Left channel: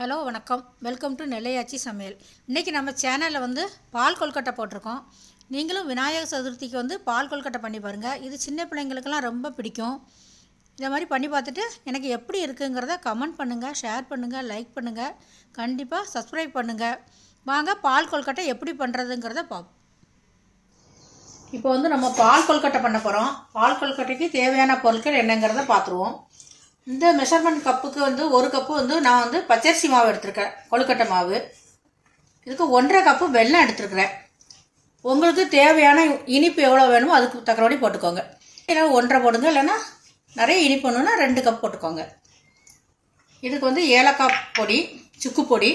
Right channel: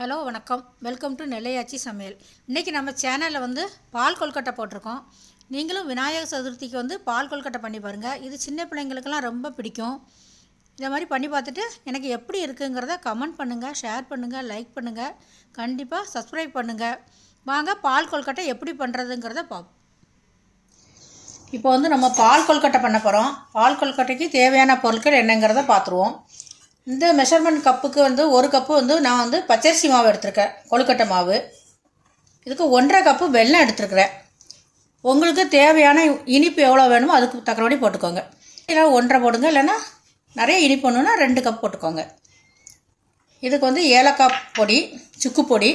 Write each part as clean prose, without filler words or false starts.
Hello வணக்கம், welcome to நெல்லையாச்சி சமையல். இன்றைக்கி நம்ம சேனலில் பால் கொல்கட்டை போட்டிருக்கோம். நீங்களும் விநாயகர் சதுர்த்திக்கு பால் கொல்கட்டை பண்ணி பாருங்கள். இது சின்ன பிள்ளைங்களுக்கெல்லாம் ரொம்ப பிடிக்கும். இதை மாதிரி பண்ணி பார்த்துட்டு எனக்கு எப்படி இருக்குங்கிறத கமெண்ட் பண்ணுங்கள், ஷேர் பண்ணுங்கள், லைக் பண்ணுங்கள், கண்டிப்பாக சப்ஸ்கிரைப் பண்ணுங்கள். வாங்க பால் கொல்கட்டை எப்படி பண்ணுறதுங்கிறத பார்ப்போம். இப்போ நம்ம பால் கொல்கட்டை பண்ண போகிறோம். பால் கொல்கட்டைக்கு தேவையான பொருட்கள் என்னங்கிறத பார்த்துருவோம். இந்த மெஷர்மெண்ட் கப்புக்கு ஒரு கப்பு நான் பச்சரிசி மாவு எடுத்துருக்கேன், கொழுக்கட்டை மாவு. இதுக்கு 1.5 கப்பு வெல்லம் எடுத்துருக்குறேன். உங்களுக்கு தேவையான இனிப்பு எவ்வளோ வேணுமோ அதுக்கு தக்கபடி போட்டுக்கோங்க. இல்லை 1.5 போடுங்க, இல்லைன்னா நிறைய இனிப்பு வேணும்னா 2 கப் போட்டுக்கோங்க. இதுக்கு ஏலக்காய் பொடி, சுக்கு பொடி.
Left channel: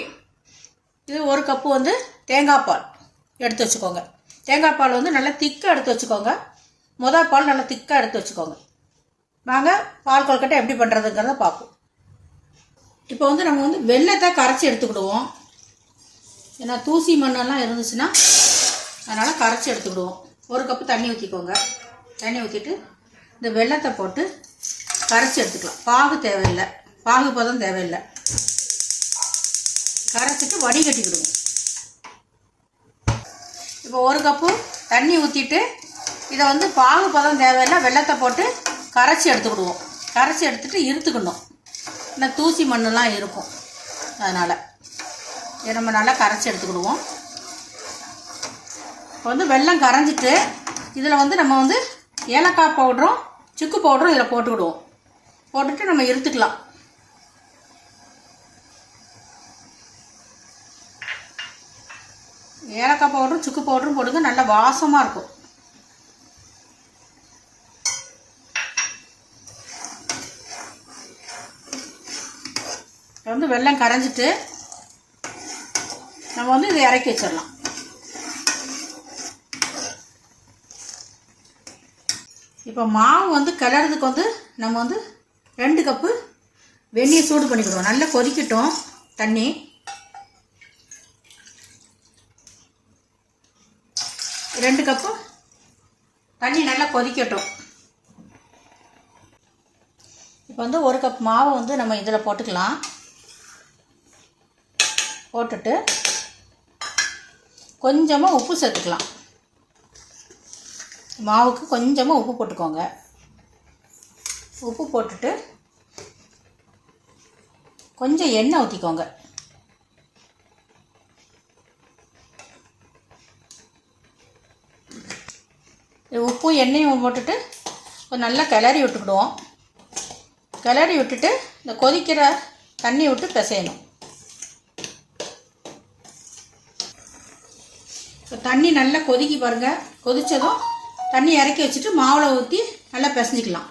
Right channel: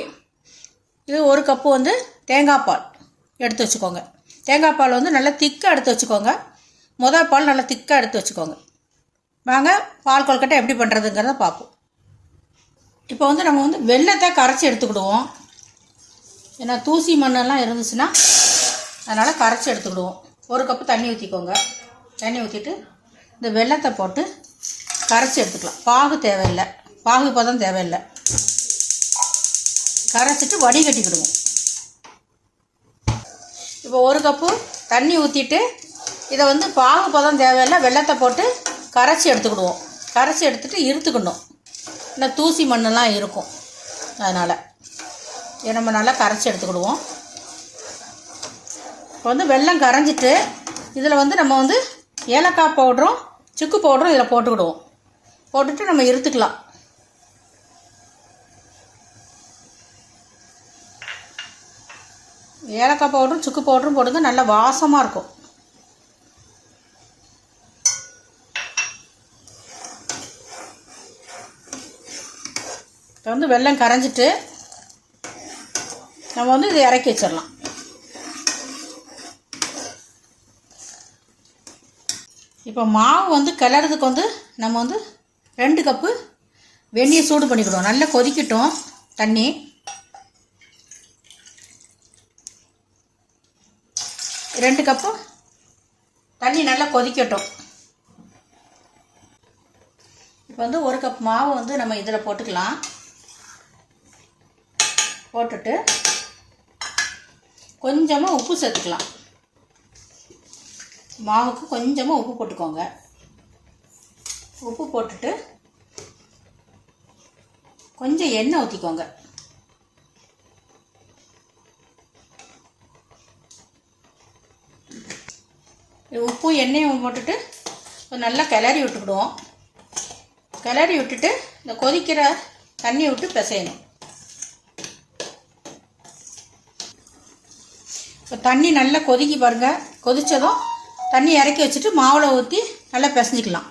இது 1 கப்பு தேங்காய் பால் எடுத்து வச்சுக்கோங்க. தேங்காய் பால் நல்லா திக்காக எடுத்து வச்சுக்கோங்க. முதல் பால் நல்லா திக்காக எடுத்து வச்சுக்கோங்க. வாங்க பால் கொல்கட்டை எப்படி பண்ணுறதுங்கிறத பார்ப்போம். இப்போ நம்ம வெல்லத்தை கரைச்சி எடுத்துக்கிடுவோம். ஏன்னா தூசி மண்ணெல்லாம் இருந்துச்சுன்னா அதனால் கரைச்சி எடுத்துக்கிடுவோம். 1 கப்பு தண்ணி ஊற்றிக்கோங்க. தண்ணி ஊற்றிட்டு இந்த வெல்லத்தை போட்டு கரைச்சி எடுத்துக்கலாம். பாகு தேவையில்லை, பாகு பதம் தேவையில்லை. கரைச்சிட்டு வடிகட்டிக்கிடுவோம். இப்போ 1 கப்பு தண்ணி ஊற்றிட்டு இதை பாகு பதம் தேவையில்லை, வெல்லத்தை போட்டு கரைச்சி எடுத்துக்கிடுவோம். கரைச்சி எடுத்துகிட்டு இருத்துக்கணும். இந்த தூசி மண்ணெல்லாம் இருக்கும், அதனால் இதை நம்ம நல்லா கரைச்சி எடுத்துக்கிடுவோம். இப்போ வெல்லம் கரைஞ்சிட்டு இதில் நம்ம ஏலக்காய் பவுடரும் சுக்கு பவுடரும் இதில் போட்டுக்கிடுவோம். போட்டுட்டு நம்ம இருத்துக்கலாம். ஏலக்காய் பவுடரும் சுக்கு பவுடரும் போடுங்க, நல்லா வாசமாக இருக்கும். இப்போ வெல்லம் கரைஞ்சிட்டு நம்ம இதை இறக்கி வச்சிடலாம். இப்போ மாவு கிளறதுக்கு நம்ம 2 கப்பு வெந்நீர் சூடு பண்ணிக்கிடுவோம். நல்லா கொதிக்கட்டும் தண்ணி. ரெண்டு கப்பு தண்ணி நல்லா கொதிக்கட்டும். இப்போ 1 கப் மாவு நம்ம இதில் போட்டுக்கலாம். போட்டுட்டு கொஞ்சமாக உப்பு சேர்த்துக்கலாம். மாவுக்கு கொஞ்சமாக உப்பு போட்டுக்கோங்க. உப்பு போட்டுட்டு கொஞ்சம் எண்ணெய் ஊற்றிக்கோங்க. உப்பும் எண்ணெயும் போட்டுட்டு நல்லா கிளறி விட்டுக்கிடுவோம். கிளறி விட்டுட்டு இந்த கொதிக்கிற தண்ணி விட்டு பிசையணும். தண்ணி நல்லா கொதிக்கி பாருங்க. கொதிச்சதும் தண்ணி இறக்கி வச்சுட்டு மாவில் ஊற்றி நல்லா பிசைஞ்சிக்கலாம்.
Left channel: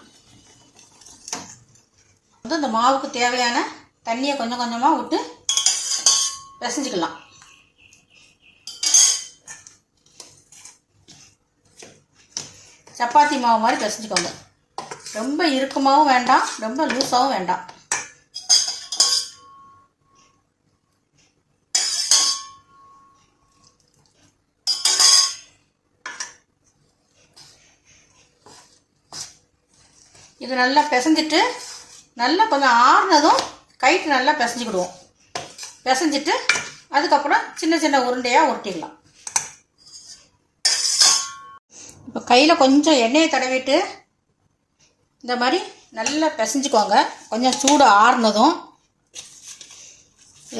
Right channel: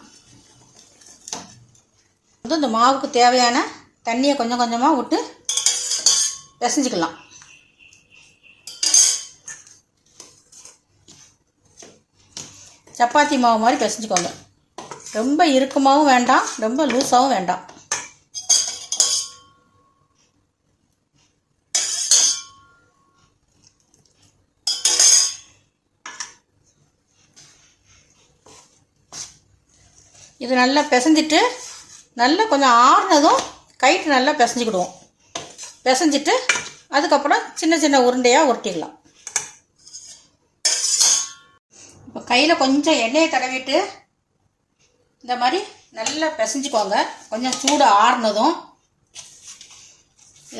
இந்த மாவுக்கு தேவையான தண்ணியை கொஞ்சம் கொஞ்சமாக விட்டு பிசைஞ்சிக்கலாம். சப்பாத்தி மாவு மாதிரி பிசைஞ்சிக்கோங்க. ரொம்ப இறுக்கமாகவும் வேண்டாம், ரொம்ப லூஸாகவும் வேண்டாம். இது நல்லா பிசைஞ்சிட்டு நல்லா கொஞ்சம் ஆறுனதும் கைட்டு நல்லா பிசைஞ்சிக்கிடுவோம். பிசைஞ்சிட்டு அதுக்கப்புறம் சின்ன சின்ன உருண்டையாக உருட்டிக்கலாம். இப்போ கையில் கொஞ்சம் எண்ணெயை தடவிட்டு இந்த மாதிரி நல்லா பிசைஞ்சிக்கோங்க. கொஞ்சம் சூடு ஆறுனதும்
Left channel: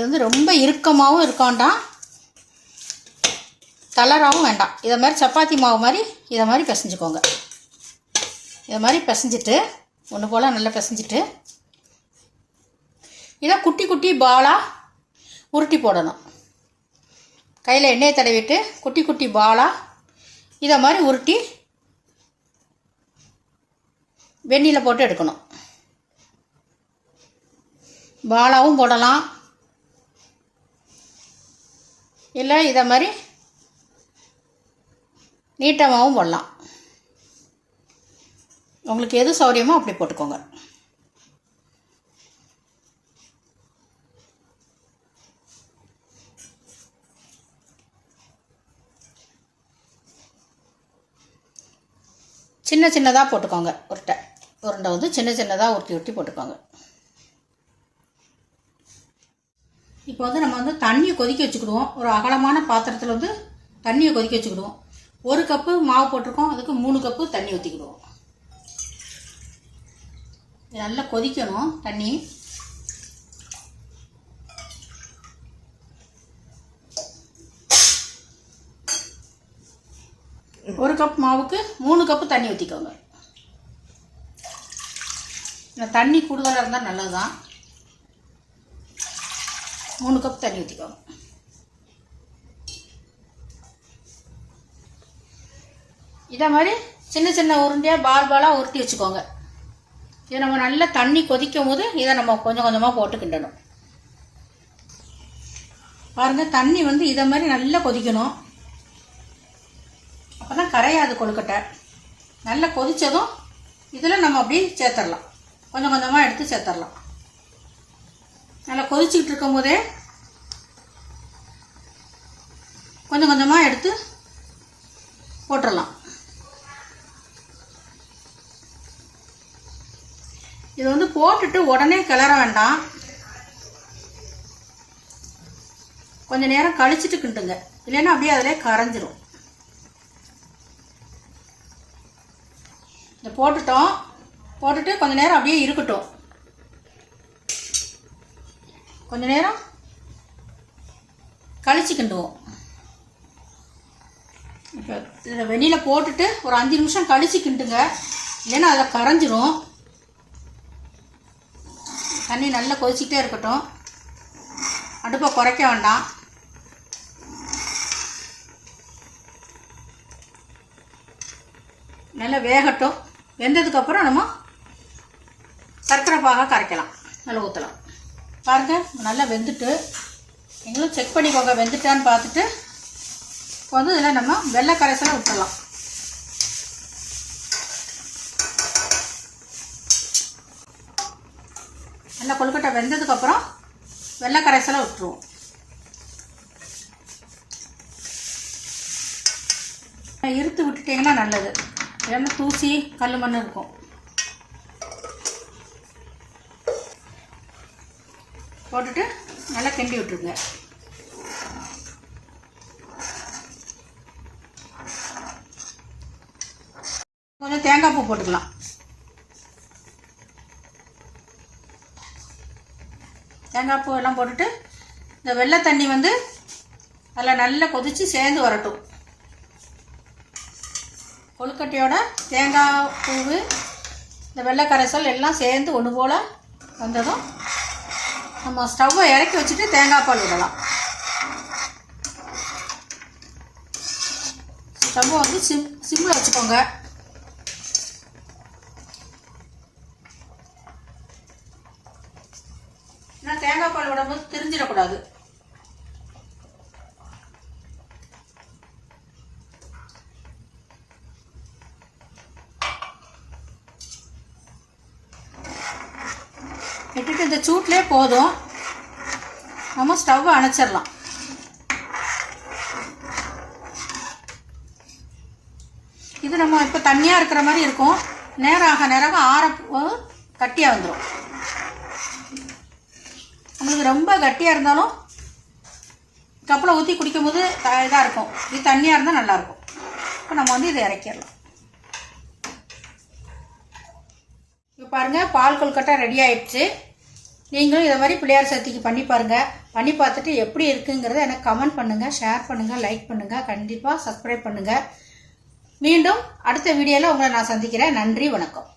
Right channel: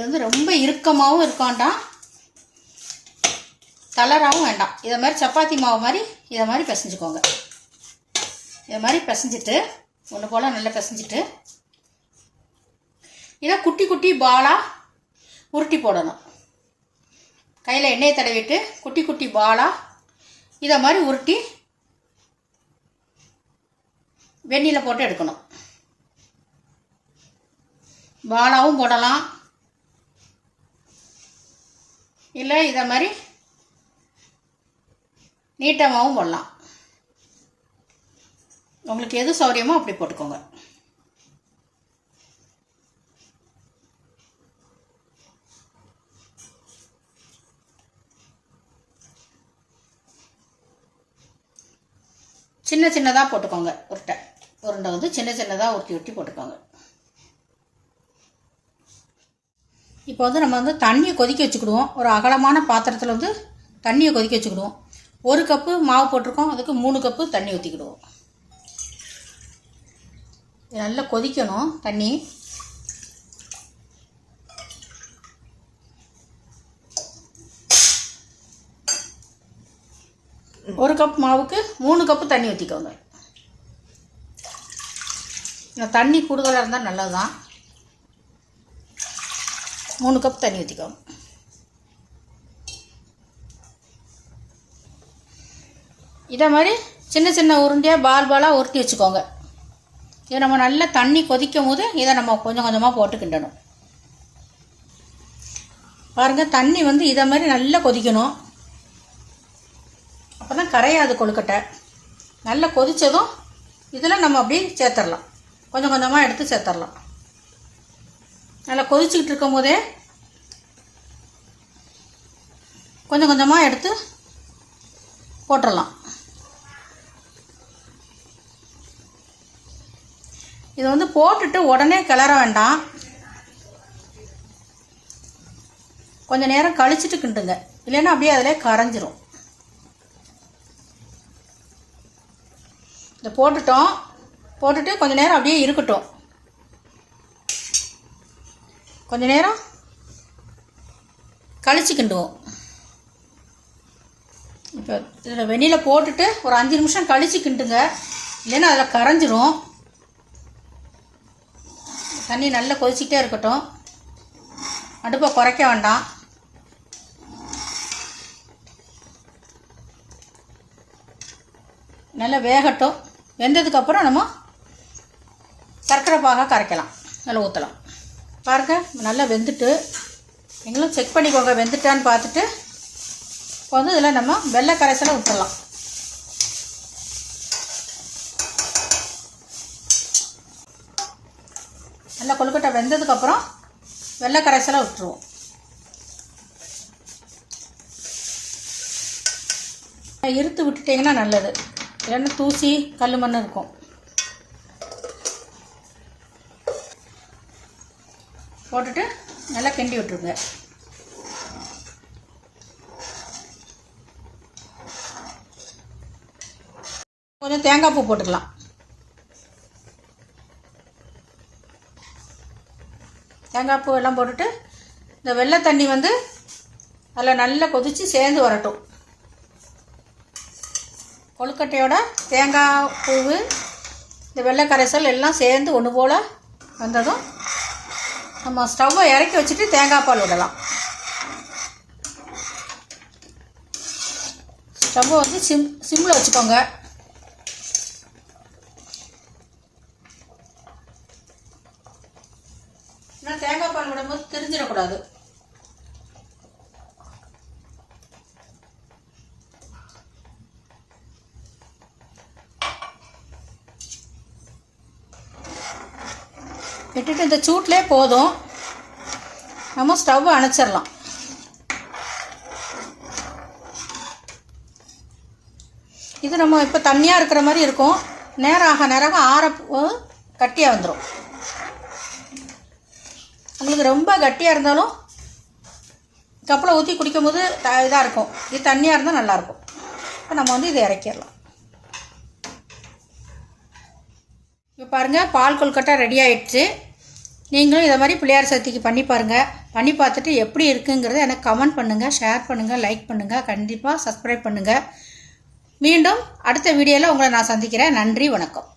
இது ரொம்ப இறுக்கமாகவும் இருக்க வேண்டாம், தளராகவும் வேண்டாம். இதை மாதிரி சப்பாத்தி மாவு மாதிரி இதை மாதிரி பிசைஞ்சிக்கோங்க. இதை மாதிரி பிசைஞ்சிட்டு ஒன்று போல் நல்லா பிசைஞ்சிட்டு இதை குட்டி குட்டி பாலாக உருட்டி போடணும். கையில் எண்ணெயை தடவிட்டு குட்டி குட்டி பாலாக இதை மாதிரி உருட்டி வெந்நீரில் போட்டு எடுக்கணும். பாலாவும் போடலாம், இல்லை இதை மாதிரி நீட்டமாகவும் போடலாம். உங்களுக்கு எது சௌரியமோ அப்படி போட்டுக்கோங்க. சின்ன சின்னதாக போட்டுக்கோங்க. உருண்டை சின்ன சின்னதாக உருட்டி உருட்டி போட்டுக்கோங்க. இப்போ வந்து நம்ம வந்து தண்ணியை கொதிக்க வச்சுக்கிடுவோம். ஒரு அகலமான பாத்திரத்தில் வந்து தண்ணியை கொதிக்க வச்சுக்கிடுவோம். 1 கப்பு மாவு போட்டிருக்கோம், அதுக்கு 3 கப்பு தண்ணி ஊற்றிக்கிடுவோம். நல்லா கொதிக்கணும் தண்ணி. ஒரு கப் மாவுக்கு 3 கப்பு தண்ணி ஊற்றிக்கோங்க. தண்ணி கூடுதலாக இருந்தால் நல்லது தான். 3 கப் தண்ணி ஊற்றிக்கோங்க. இதே மாதிரி சின்ன சின்ன உருண்டையாக பாலாக உருட்டி வச்சுக்கோங்க. இதை நம்ம நல்லா தண்ணி கொதிக்கும் போது இதை நம்ம கொஞ்சம் கொஞ்சமாக போட்டு கிண்டணும். பாருங்கள், தண்ணி வந்து இதை மாதிரி நல்லா கொதிக்கணும். அப்போ தான் கரையாது கொழுக்கட்டை. நல்லா கொதித்ததும் இதில் நம்ம அப்படியே சேர்த்துடலாம். கொஞ்சம் கொஞ்சமாக எடுத்து சேர்த்துடலாம். நல்லா கொதிச்சுக்கிட்டு இருக்கும் போதே கொஞ்சம் கொஞ்சமாக எடுத்து போட்டுடலாம். இதை வந்து போட்டுட்டு உடனே கிளற வேண்டாம். கொஞ்சம் நேரம் கழிச்சிட்டு கிண்டுங்க, இல்லைன்னா அப்படியே அதிலே கரைஞ்சிரும். இதை போட்டுட்டு கொஞ்சம் நேரம் அப்படியே இருக்கட்டும். கொஞ்ச நேரம் கழிச்சு கிண்டுவோம். இப்போ இதில் வெந்நியில் போட்டுட்டு ஒரு 5 நிமிஷம் கழிச்சு கிண்டுங்க, இல்லைன்னா அதில் கரைஞ்சிரும். தண்ணி நல்லா கொதிச்சிக்கிட்டே இருக்கட்டும். அடுப்பை குறைக்க வேண்டாம். நல்லா வேகட்டும். வெந்ததுக்கப்புறம் நம்ம சர்க்கரை பாக கரைக்கலாம், நல்லா ஊற்றலாம். பாருங்கள், நல்லா வெந்துட்டு. நீங்களும் செக் பண்ணிக்கோங்க வெந்துட்டான்னு பார்த்துட்டு. இப்போ வந்து இதில் நம்ம வெள்ளை கரைசலை ஊற்றலாம். நல்லா கொழுக்கட்டை வெந்ததுக்கப்புறம் வெள்ளை கரைசலை விட்டுருவோம். இருத்து விட்டுட்டிங்கன்னா நல்லது, இல்லைன்னா தூசி கல் மண் இருக்கும். போட்டுட்டு நல்லா கிண்டி விட்டுருங்க. கொஞ்சம் தேங்காய் பூ போட்டுக்கலாம். தேங்காய் பூ எல்லாம் போட்டுட்டு இந்த வெள்ளை தண்ணி வந்து அதில் நல்லா கொதித்து சேர்ந்து வரட்டும். கொழுக்கட்டையோட தேங்காய் பூ, இந்த வெள்ளை கரைசல் எல்லாம் சேர்ந்து ஒன்று போல் வந்ததும் நம்ம ஸ்டவ்வை இறக்கி வச்சுட்டு தேங்காய் பால் விடலாம். ஸ்டவ்வை வந்து சிம்மில் வச்சுக்கோங்க. ஏன்னா தேங்காய் பால் விடும்போது தெரிஞ்சிடக்கூடாது. விட்டுட்டு இந்த சூட்லேயே போதும், நம்ம ஸ்டவ்வை அணைச்சிடலாம். இது நம்ம இப்போ தண்ணியாக இருக்கிற மாதிரி இருக்கும். நேரம் ஆற கட்டியாக வந்துடும். உங்களுக்கு ரொம்ப கட்டியாக இருந்தாலும் கப்பில் ஊற்றி குடிக்கும் போது இதாக இருக்கும். இது தண்ணியாக இருந்தால் நல்லாயிருக்கும். இப்போ நம்ம வந்து இதை இறக்கிடலாம். இப்போ பாருங்கள், பால் கொழுக்கட்டை ரெடி ஆகிடுச்சு. நீங்களும் இதை மாதிரி பிள்ளையார் சதுர்த்திக்கு பண்ணி பாருங்கள். பண்ணி பார்த்துட்டு எப்படி இருக்குங்கிறத எனக்கு கமெண்ட் பண்ணுங்கள், ஷேர் பண்ணுங்கள், லைக் பண்ணுங்கள், கண்டிப்பாக சப்ஸ்கிரைப் பண்ணுங்கள். மீண்டும் அடுத்த வீடியோவில் உங்களை நான் சந்திக்கிறேன். நன்றி, வணக்கம்.